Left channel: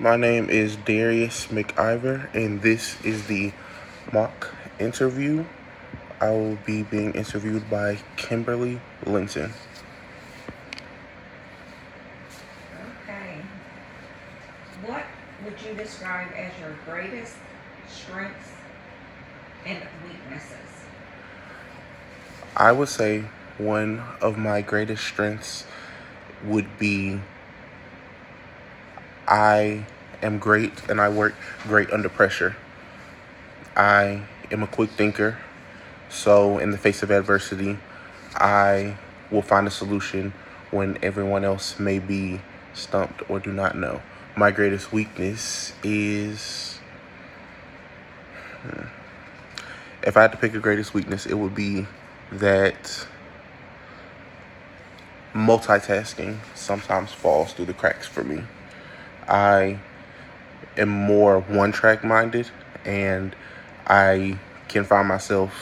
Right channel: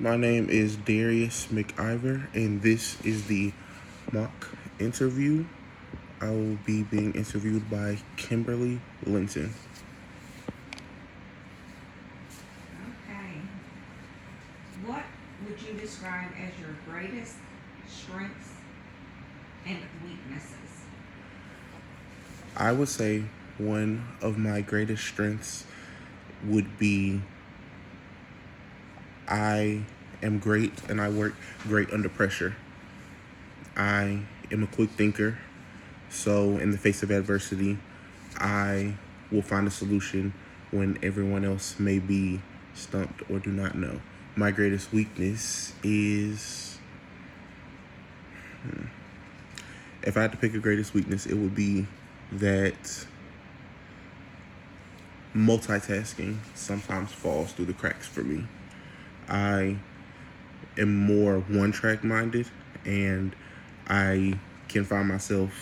My name is Darius McIver, and this is the mock interview. I will be being interviewed by Kimberly Linton. Okay. What would you describe as your greatest strengths and weaknesses? I would say one of my greatest strengths would be I am great and I work great under pressure. I am a quick thinker, so in the face of adversity, I will find a solution when everyone else may be stumped or do not know. My greatest weakness is, if I had to pick a greatest weakness, it would be that multitasking sometimes falls through the cracks for me. I am more one-track minded, and I can find myself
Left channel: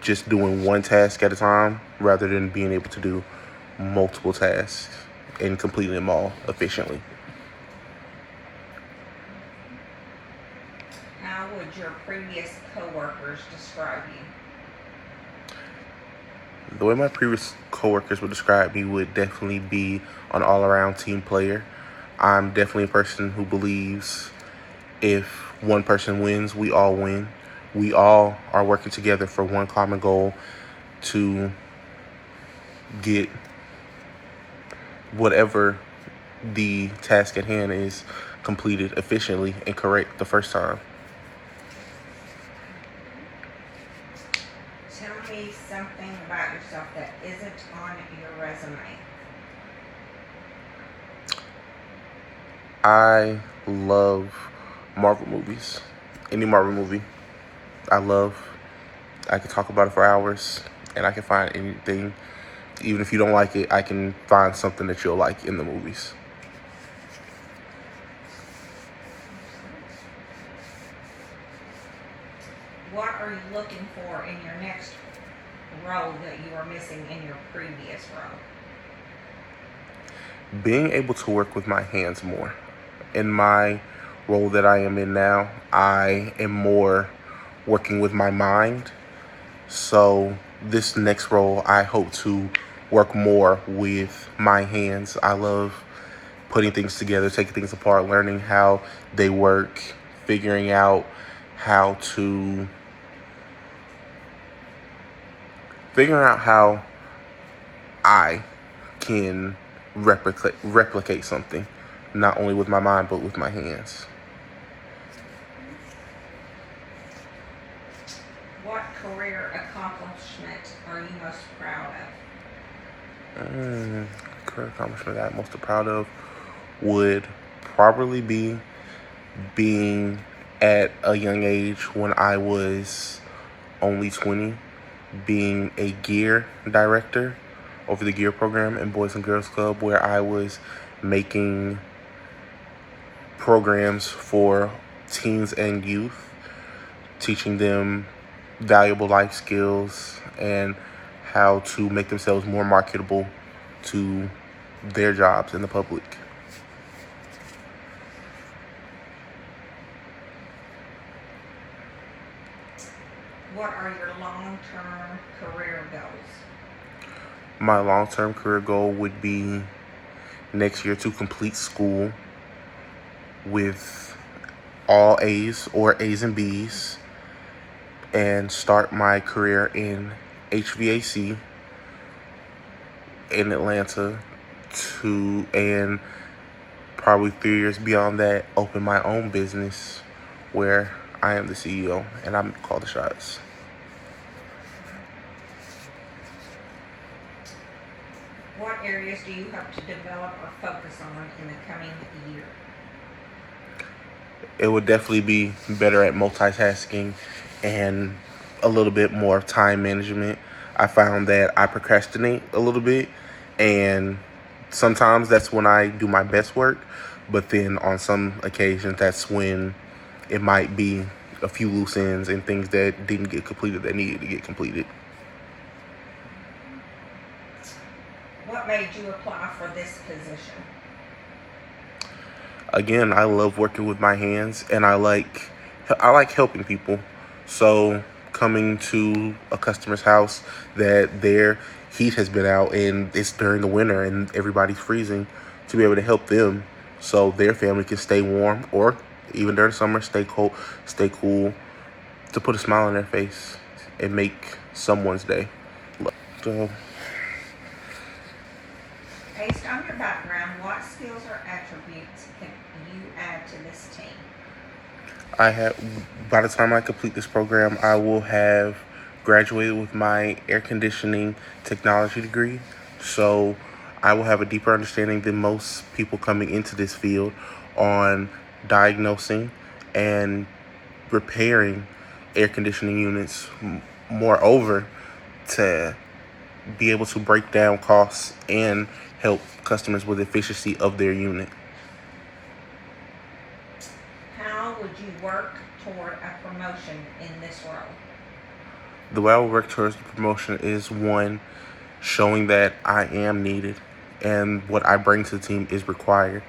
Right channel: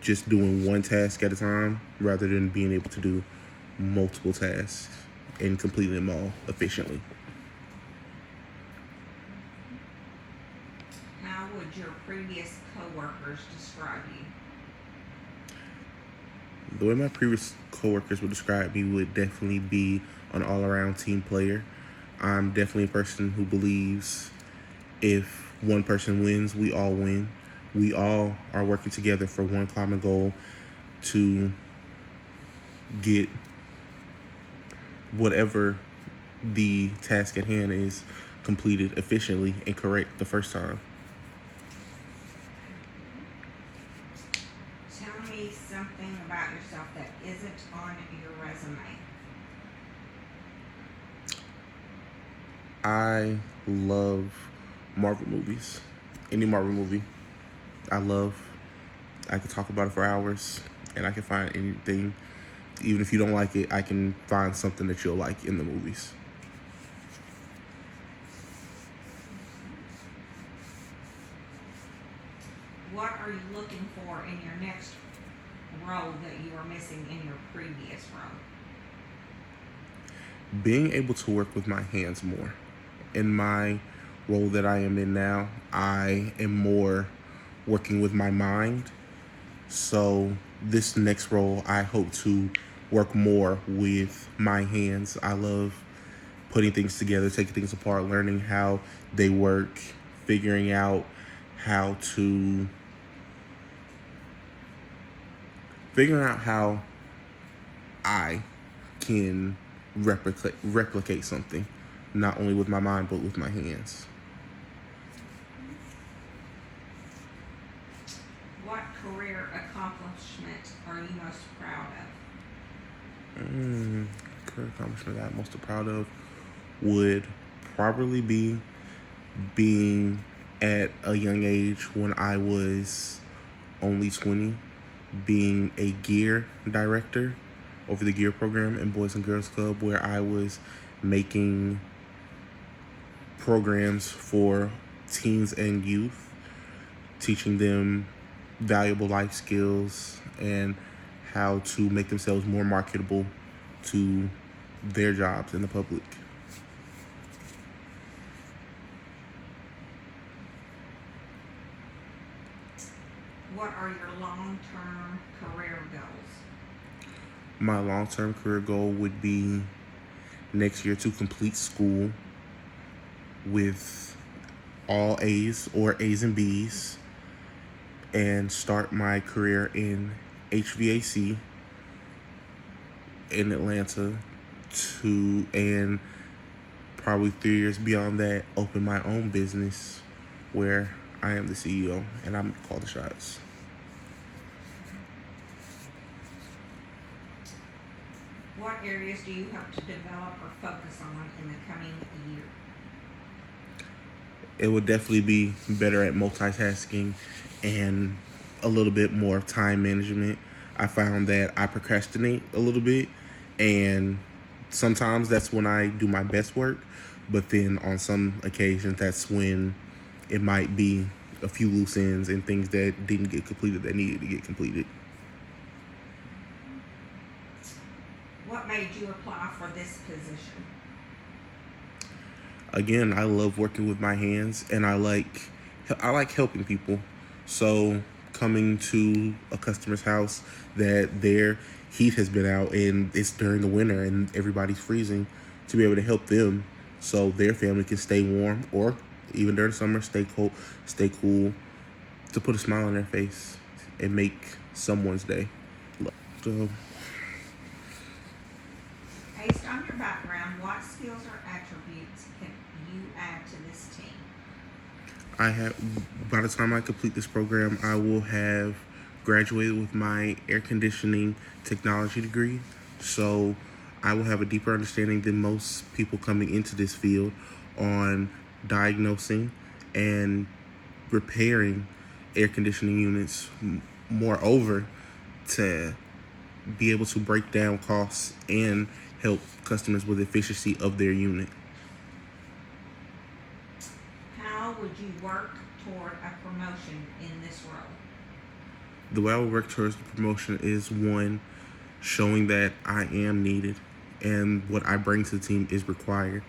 just doing one task at a time rather than being able to do multiple tasks and completing them all efficiently. How would your previous coworkers describe you? The way my previous coworkers would describe me would definitely be an all-around team player. I'm definitely a person who believes if one person wins, we all win. We all are working together for one common goal to get whatever the task at hand is completed efficiently and correct the first time. Tell me something about yourself that isn't on your resume. I love Marvel movies. Any Marvel movie I love. I could talk about it for hours and I can find anything. Even if you don't like it, I can find something that you'll like in the movies. What are you looking for in your next role that you are missing in your previous role? Being able to work with my hands more. In my role that I am in now, I am more working with my mind. So this next role, I hope to work more with my hands. I love putting things together, taking things apart, learning how they work, figuring out how to figuring out how I can replicate something, not only with my mind but with my hands. What career accomplishment are you most proud of? Career accomplishment that I'm most proud of would probably be being at a young age when I was only 20, being a gear director over the gear program in Boys and Girls Club, where I was making programs for teens and youth, teaching them valuable life skills and how to make themselves more marketable to their jobs in the public. What are your long-term career goals? My long-term career goal would be next year to complete school with all A's or A's and B's and start my career in HVAC in Atlanta and probably 3 years beyond that, open my own business where I am the CEO and I'm call the shots. What areas do you hope to develop or focus on in the coming year? It would definitely be better at multitasking and a little bit more time management. I found that I procrastinate a little bit, and sometimes that's when I do my best work, but then on some occasions that's when it might be a few loose ends and things that didn't get completed that needed to get completed. What made you apply for this position? Again, I love working with my hands, and I like helping people. So coming to a customer's house that their heat has been out and it's during the winter and everybody's freezing, to be able to help them so their family can stay warm, or even during summer stay cool, to put a smile on their face and make someone's day. So Based on your background, what skills or attributes can you add to this team? by the time I complete this program, I will have graduated with my air conditioning technology degree. So I will have a deeper understanding than most people coming into this field on diagnosing and repairing air conditioning units. Moreover, to be able to break down costs and help customers with efficiency of their unit. How would you work toward a promotion in this role? The way I will work towards the promotion is, one, showing that I am needed and what I bring to the team is required.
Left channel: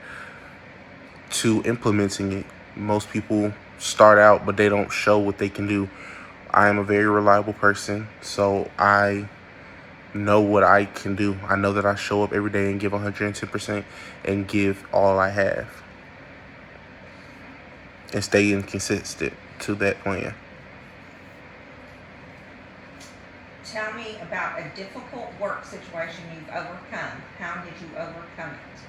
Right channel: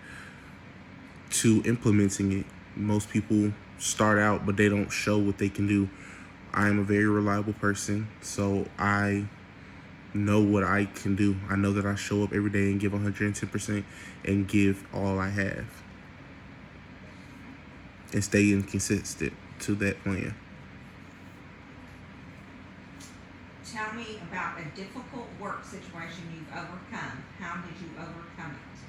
Two, implementing it. Most people start out, but they don't show what they can do. I am a very reliable person, so I know what I can do. I know that I show up every day and give 110% and give all I have and stay inconsistent to that plan. Tell me about a difficult work situation you've overcome. How did you overcome it?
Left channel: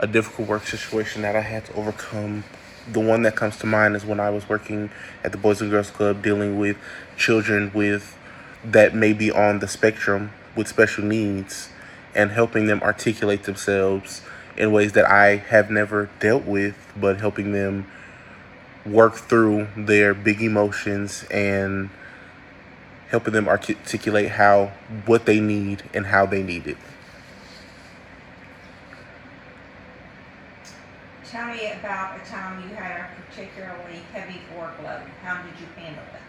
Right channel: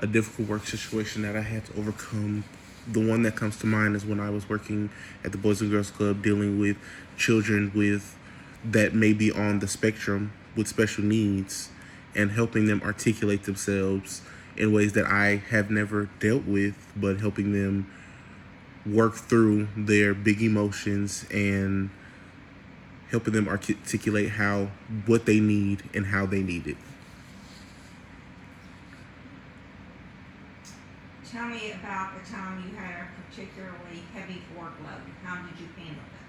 A difficult work situation that I had to overcome, the one that comes to mind is when I was working at the Boys and Girls Club dealing with children that may be on the spectrum with special needs, and helping them articulate themselves in ways that I have never dealt with, but helping them work through their big emotions and helping them articulate what they need and how they need it. Tell me about a time you had a particularly heavy workload. How did you handle it?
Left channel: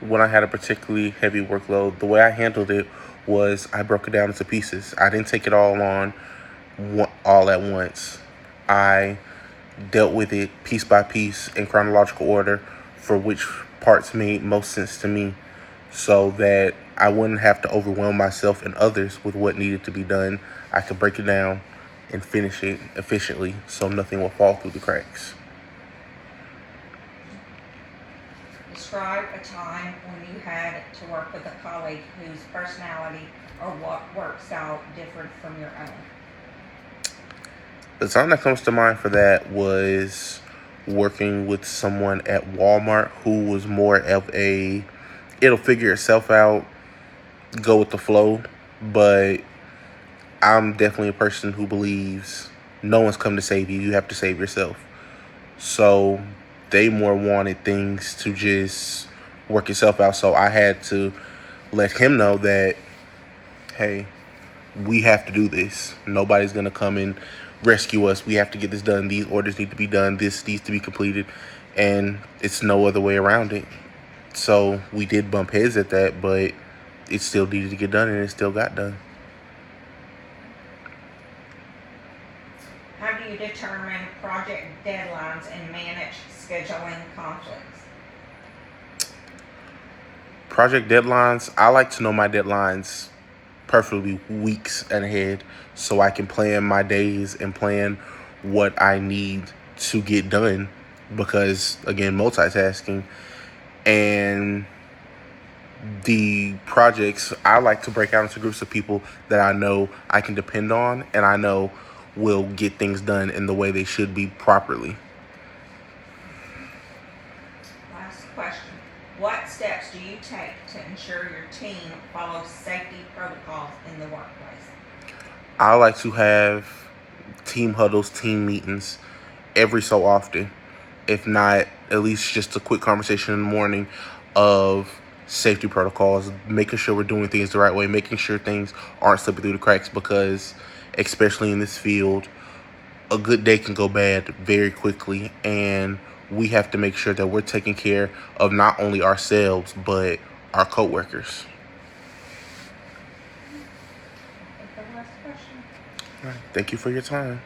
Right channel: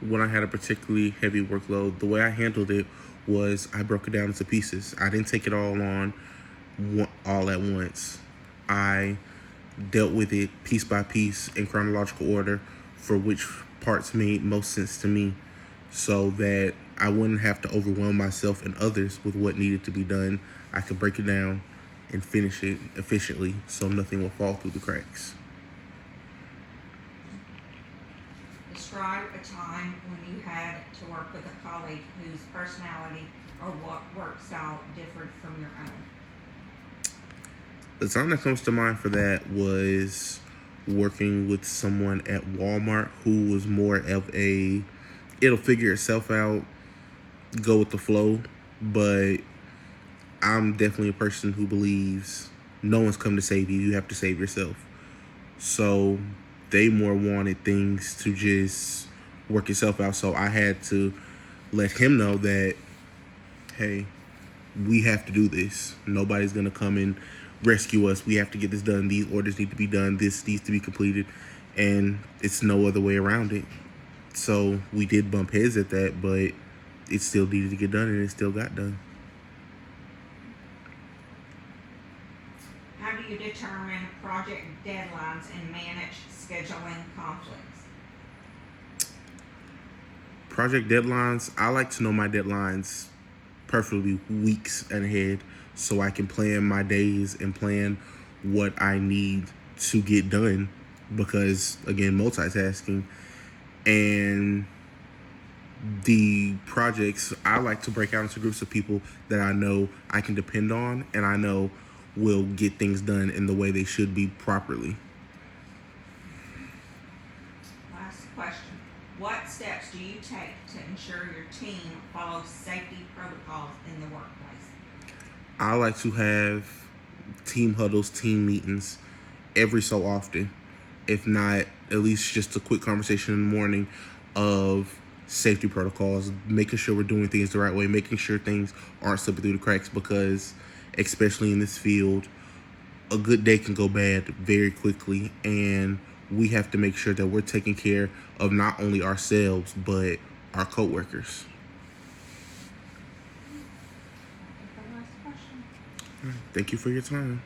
When I had a particularly heavy workload, the way I handled it was I broke it down into pieces. I didn't take it all at once. I dealt with it piece by piece in chronological order for which parts made most sense to me, so that I wouldn't have to overwhelm myself and others with what needed to be done. I could break it down and finish it efficiently so nothing will fall through the cracks. Describe a time when you had to work with a colleague whose personality or work style differed from your own. The time that comes to mind for that was working with someone at Walmart who was more of it'll figure itself out, go with the flow, but I'm definitely a person who believes no one's come to save you. You have to save yourself. So they more wanted things to just work itself out. So I had to let him know that, hey, we have to do this. Nobody's going to come and rescue us. We have to get this done. These orders need to be done. This needs to be completed. And it's no other way around it. So we did bump heads at that, but it still needed to get done, and it still got done. How do you determine project deadlines and manage scheduling conflicts? Project deadlines, I like to know my deadlines perfectly weeks ahead so I can plan my days and plan what I need to get done, because, again, multitasking. And the projects, I like to break out into groups of people that I know I can depend on and I know will get things done in the way they should be properly. Last question. What steps do you take to ensure your team follows safety protocols in the workplace? I like to have team huddles, team meetings every so often. If not, at least just a quick conversation in the morning of safety protocols, making sure we're doing things the right way, making sure things aren't slipping through the cracks, because especially in this field, a good day can go bad very quickly, and we have to make sure that we're taking care of not only ourselves, but our coworkers. Last question. All right. Thank you for your time.